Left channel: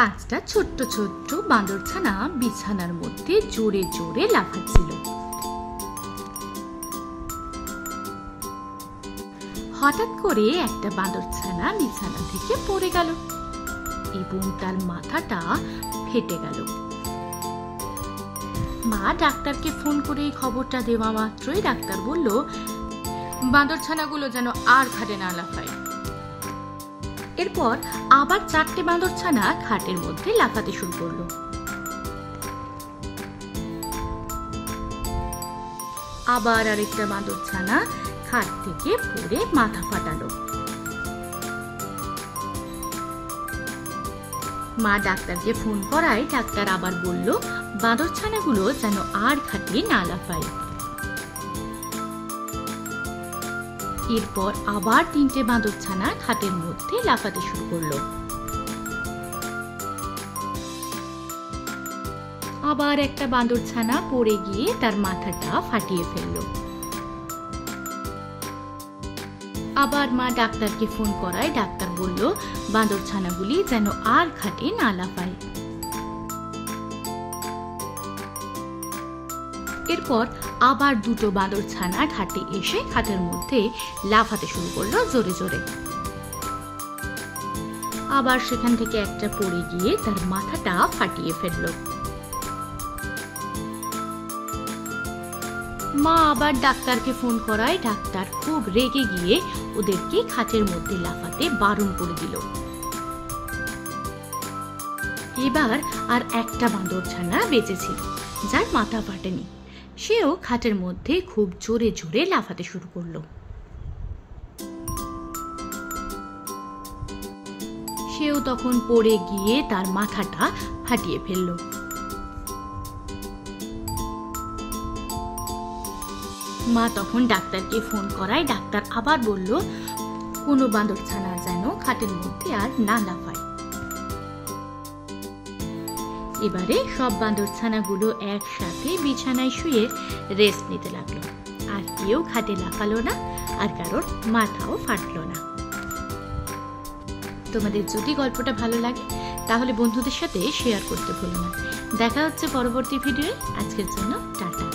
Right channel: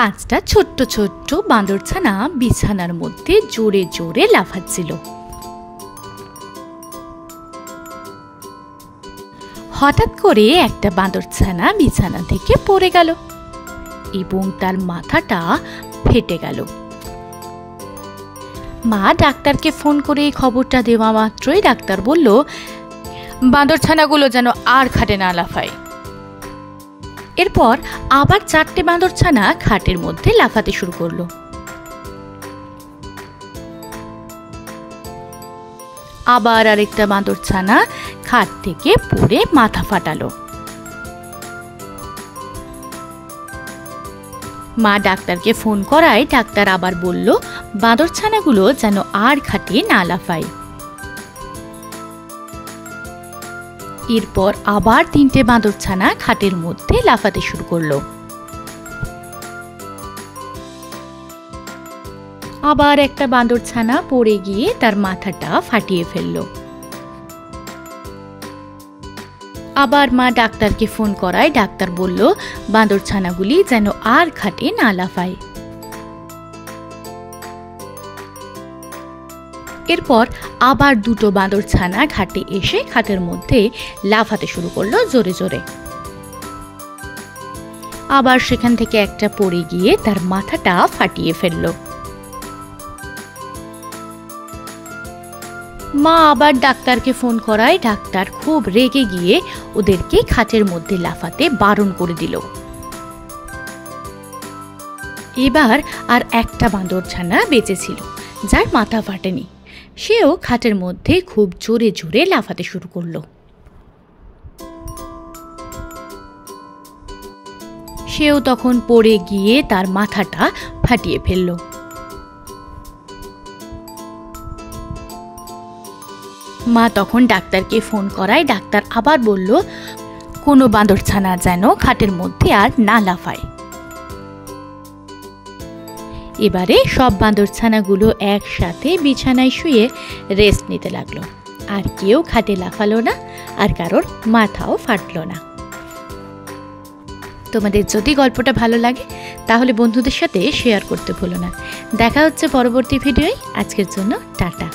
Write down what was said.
পাঁচটা ছোট্ট ছোট্ট বাঁদরছানা বিছানার মধ্যে জোরে জোরে লাফাচ্ছিল। হঠাৎ করে একটা বাঁদরছানা বিছানা থেকে পড়ে গেল এবং তার মাথাটা ফেটে গেল। মা ডাক্তারকে ফোন করে খবরটা দেওয়া মাত্রই ডাক্তার বলল, বাঁদরছানাগুলো যেন আর খাটে না লাফায়। এরপর আবার 4টে বাঁদরছানা খাটের মধ্যে লাফাতে শুরু করলো। আবার আরেকটা বাঁদরছানা খাট থেকে পড়ে মাথা ফাটালো। মা ডাক্তারকে ফোন করায় ডাক্তার আবার বলল, বাঁদরছানাগুলো যেন আর খাটে না লাফায়। এরপর আবার 3টে বাঁদরছানা খাটের মধ্যে লাফাতে শুরু করলো। আবার একটা বাঁদরছানা পড়ে গিয়ে তার মাথাটা ফাটিয়ে ফেলল। আবার মা ডাক্তারকে ফোন করায় ডাক্তার বলল, বাঁদরছানাগুলি যেন আর খাটে না লাফায়। এরপর আবার 2টো বাঁদরছানা ঘাটে এসে খাটের মধ্যে লাফাতে শুরু করলো জোরে জোরে। আবার সেখান থেকে একটা পড়ে গিয়ে তার মাথাটা ফাটিয়ে ফেলল। মা আবার ডাক্তারকে ফোন করায় ডাক্তার খুব রেগে গিয়ে ওদেরকে খাটের মধ্যে লাফাতে বারণ করে দিল। এবার আর একটা বাঁদরছানা বেঁচে ছিল, যার মাথা ফাটেনি। সেও খাটের মধ্যে খুব জোরে জোরে লাফাতে শুরু করলো। সেও তখন পড়ে গিয়ে তার মাথাটা ফাটিয়ে ফেলল। মা তখন ডাক্তারকে ফোন করায় ডাক্তার আবার বলল, কোনো বাঁদরছানা যেন খাটের মধ্যে আর না লাফায়। এবারে সব বাঁদরছানাগুলো একসাথে বিছানায় শুয়ে রেস্ট নিতে লাগলো। আর কেউ খাটে লাফালো না, আর কারোর মাথাও ফাটলো না। তোমাদের যদি গল্পটা ভালো লাগে তাহলে বন্ধুদের সাথে শেয়ার করতে ভুলো না। দেখা হচ্ছে পরবর্তী ভিডিওয়। আজকের জন্য টাটা।